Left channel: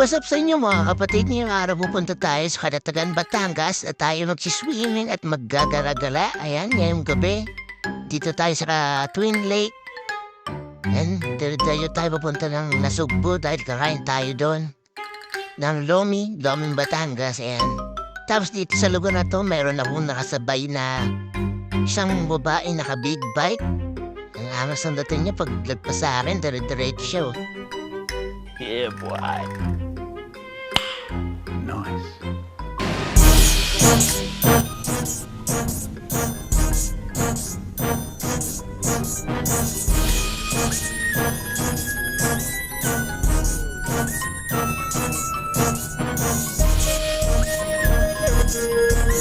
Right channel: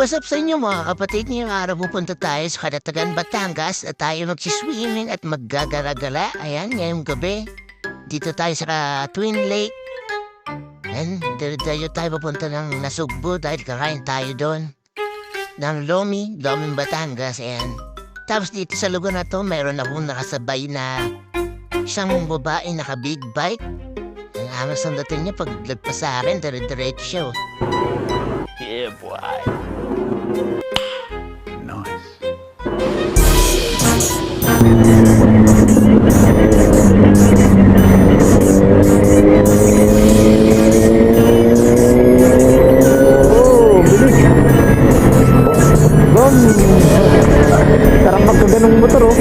What's up sa inyo mga kapatid? Ngayong araw pupunta tayo sa Karatagan, Batangas at tayo magsiswimming at maggagala-gala. Ayan, ngayong gabi. Dito tayo sa Twin Lake. And tayo pupunta ng Nasugbu dahil kakain tayo doon. Ng Loming Batangas. Ayan. Tapos dito sa lugar na to, mayroon akong nakasabay na isang babae naka-big bike. Ang angas ang dating niya pag lagpas sa akin, dire-diretso siya. Yeah, boy. Nice. Sarap magkanda ng motor, oh.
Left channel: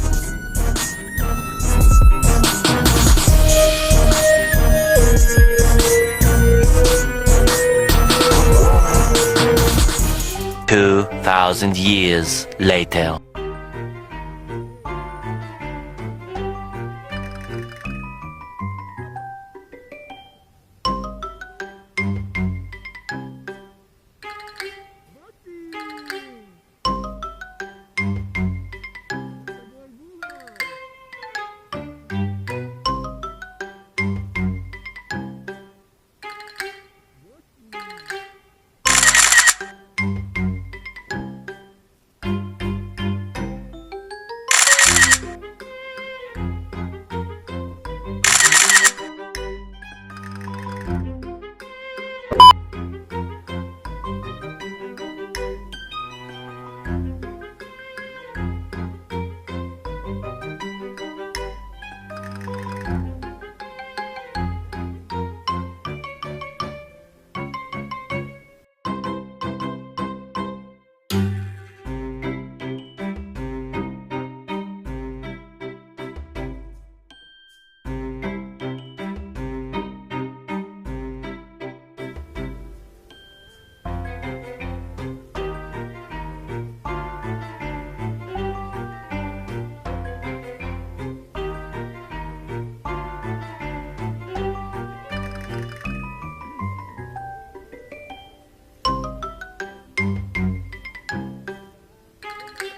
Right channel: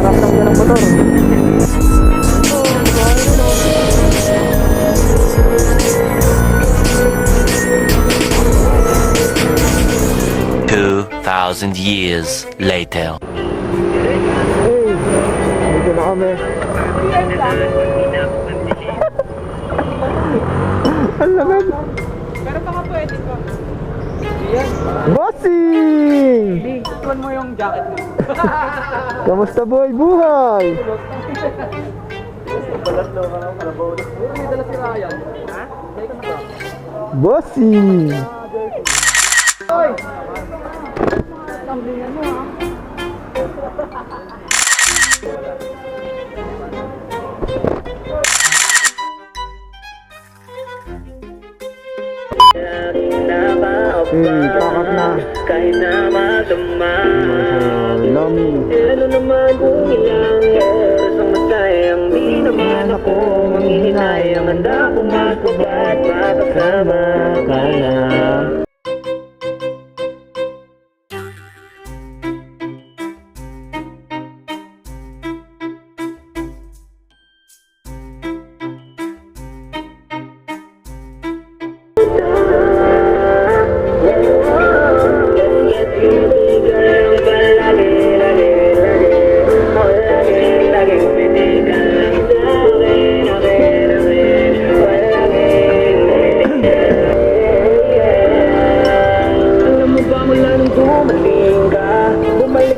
Sarap magkanda ng motor. 2,000 years later. Dito na kami. Ang lamig. Pero baka pwede ko. Yes. Bossing! Iwan mo yung jacket mo. Kamusta boy? Buhay! Dala si Ryan. Ha? Bossing! Hoy! Tamblingan mo ha. Pakat na. Kahit na madama Lami. Ano naman kung ilang years ang masayang di naman ako manghihinayang handa kong magkubat makasama ka na.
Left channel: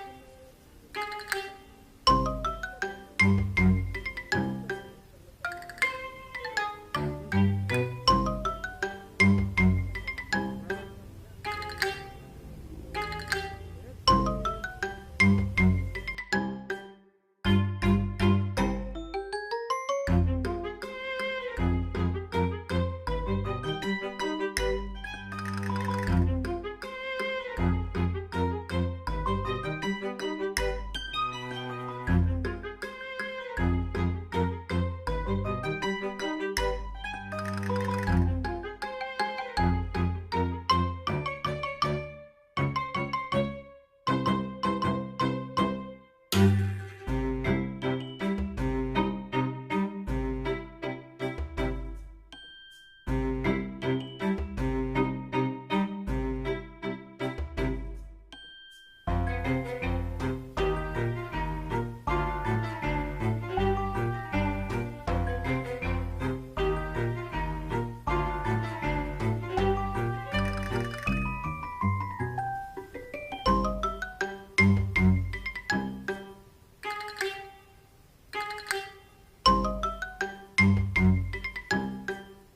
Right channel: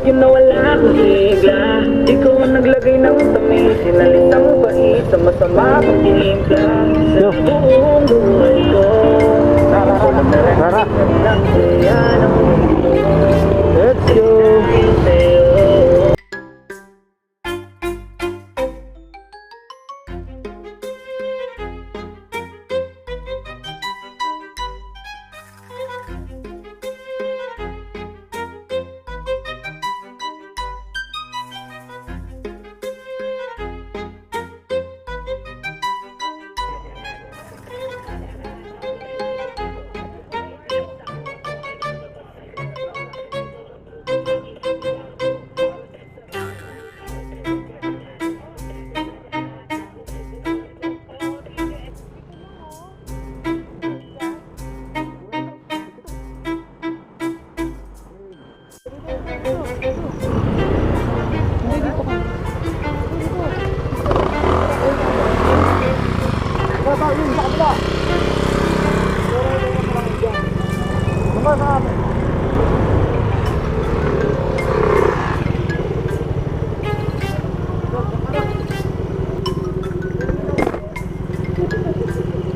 Yung nawala akong sigla Ikaw ang naglagay ng tamis Sinalit ang bait sa masama kong tinimpla Sa buong buhay ko Tara. Let's go!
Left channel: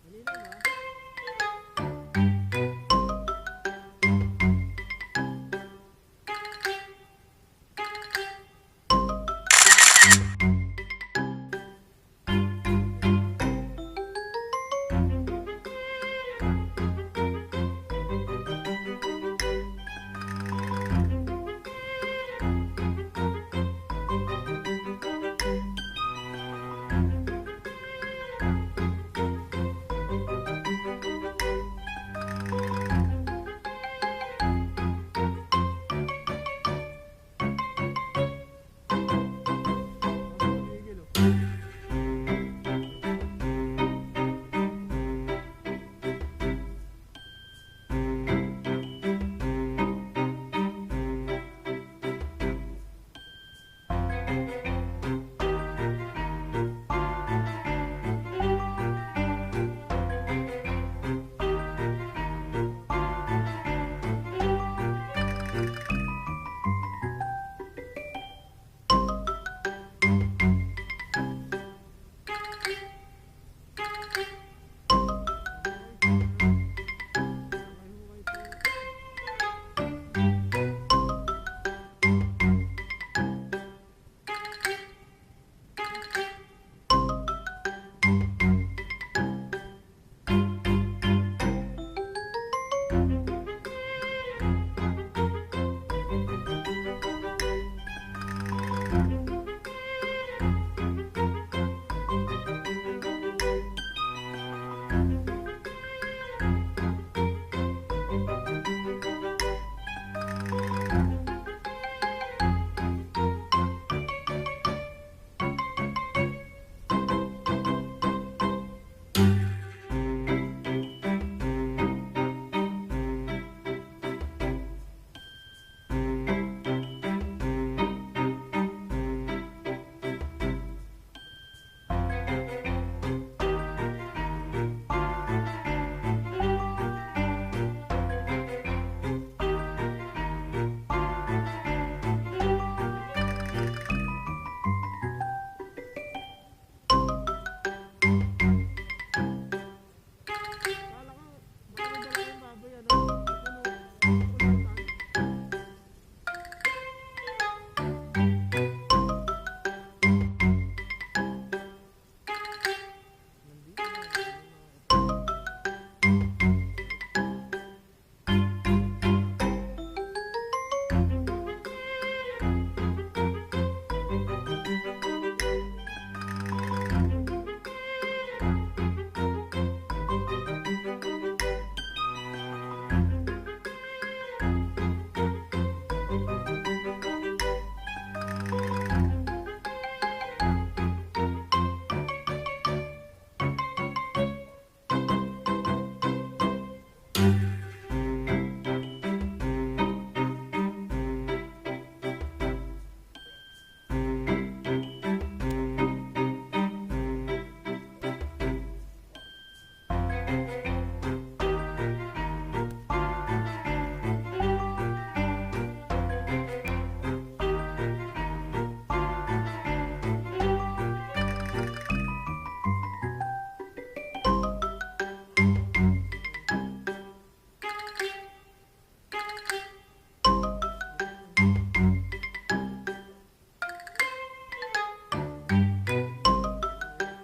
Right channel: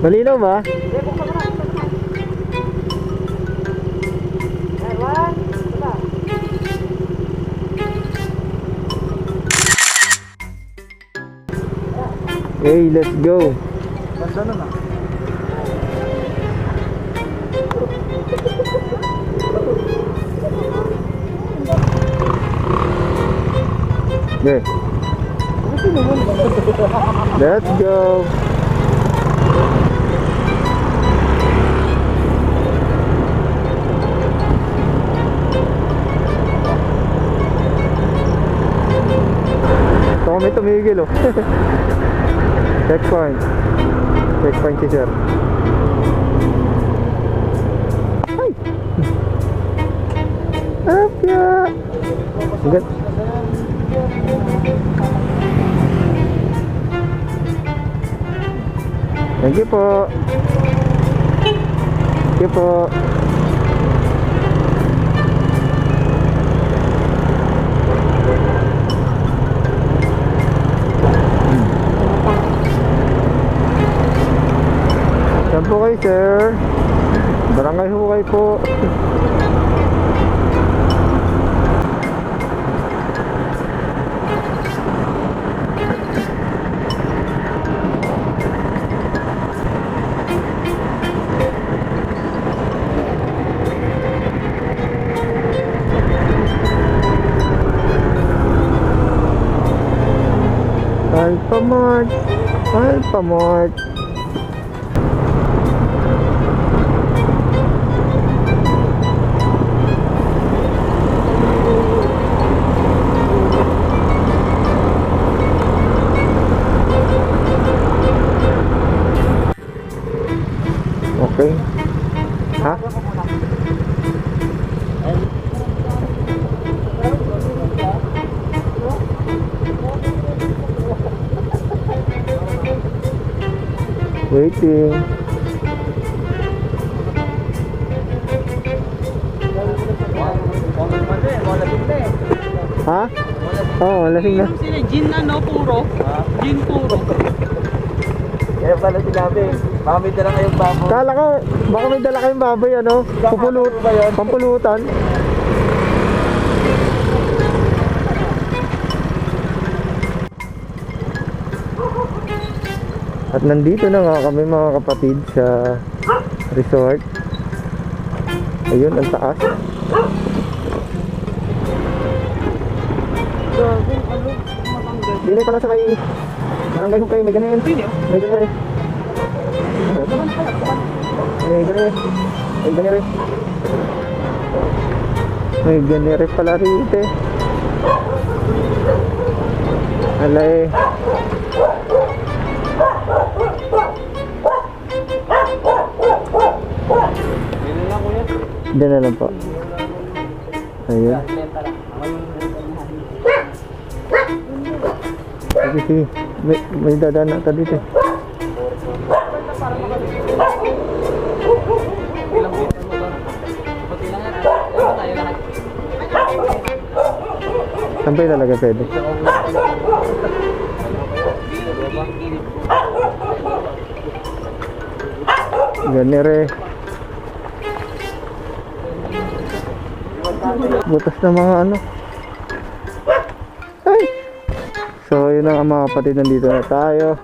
Malinaw ba? Hey, let's go. Yeah. Let's go. Ito kami tumigil, oh. Checkpoint. Checkpoint si sir. Ay! Apya! Agad. Thank you po. Thank you po. Saan po kayo, sir? Barangay Hukay po. Alphamart. Alphamart. Okay. Ha? Waiting. Ha? Oo, lasing na. Sila, gin ano, puro. Gin puro. Kaya pala sinabi, baka may dala kayong baboy. Kala ko, baka may dala kayong baboy, ano? Pupulot ba yun? Pampulutan. At nandito na nga kami mga kapatid sa resort. Ayun, ang taas. Hindi pala sa kayo. Barangay ko kayo, may ganyan. May ganyan. May ganyan. May ganyan. May ganyan pala rito. Alay. Diyan na lang po. Ayun. Sige, may dadaan na ka dito. Saan pa yung talaga pwede? Ganire. Butas na mga ano. Ay! So yun na nga mga kapatid, nandito na tayo.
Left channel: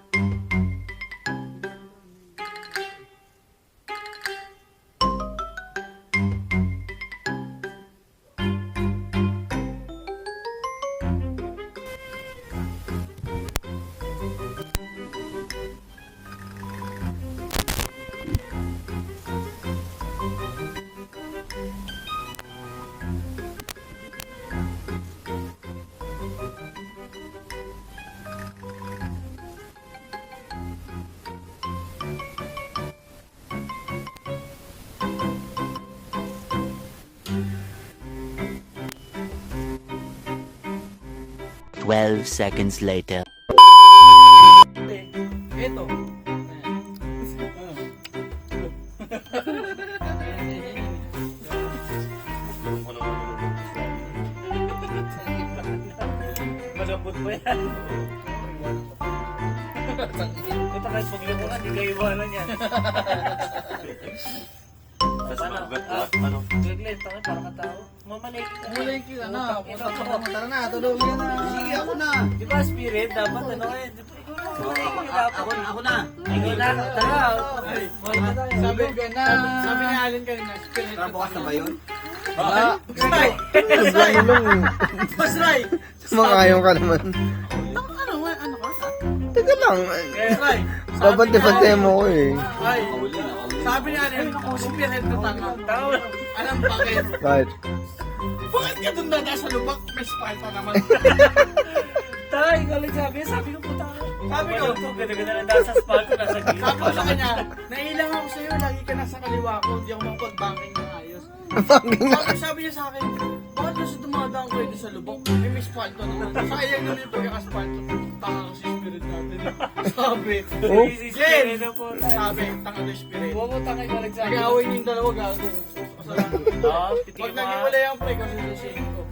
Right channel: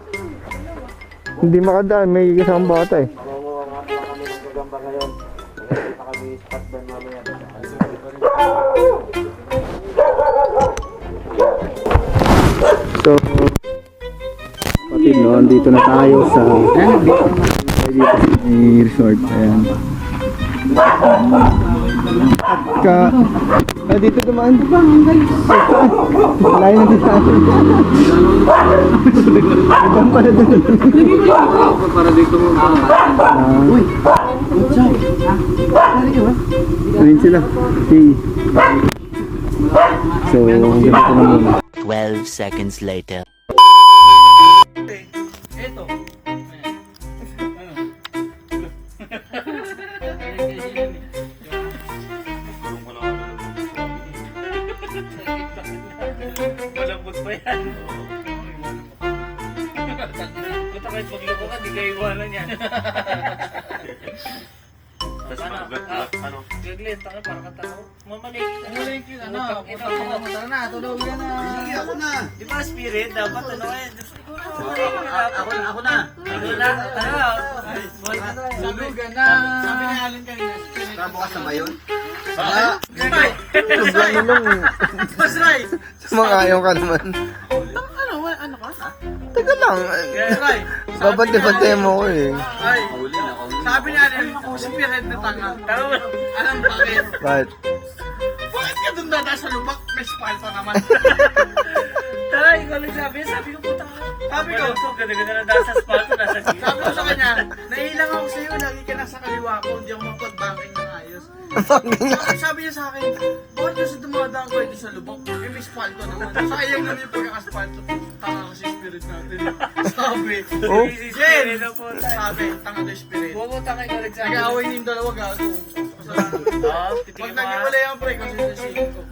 Hindi makadaan, may isang bata eh. So kapatid, no, andito na tayo sa resort. Ayan. Dito dumaan. Layo na dito sa atin. Ibang pala doon. Para dito mo. Uy! Ayun sila. Okay. So, ganito na muna. 12 seconds later. Ito. Malambot pa yan. Ito kahit paglubo ka, di kayo iwanan yan. Ano? Gaglet, ako parang katao. Mamalik. Mamalik yun, ano? Tara na, tulog yan na. Hindi, ako na. Di ba spirit? Dapat ano eh. Ako na. Tara. Tulog yan na. Sabi nga alin kanina. Tara bukas na ba yun? Masray! Ano lang eh. Masray! Makayaw ka naman. Ano ka? Teka lang. Masray! Babante mo ko eh. Ay, sabi nga rin ako si Piret na tanga. Alam bakit? Bakit? Bakit ka doon na nasa lubak? May spine pa naman. Tara, ikaw lang sabi ko puta ka. Sabi ko, ganda-ganda na nasa spine, nasa gina. Sabi ko sa kanya, nailang ako sa'yo, lagi ka nasa kaliwa ko, hindi ako makapag-banking na ayos. Bakit sabi niya sa akin, bakit kasi dumadaan kayo sa lubok? Eh, may spalto naman. Sayang naman yung pagkakaspalto. Tanga kasi spirit natin. Sabi. Oh. Jen! Sabi, tanga na spirit. Huwag mo tanga ka rin sa akin. Nag-away yung dalawa gago. Pag nag-iwalay ang pre, kasi sa ko.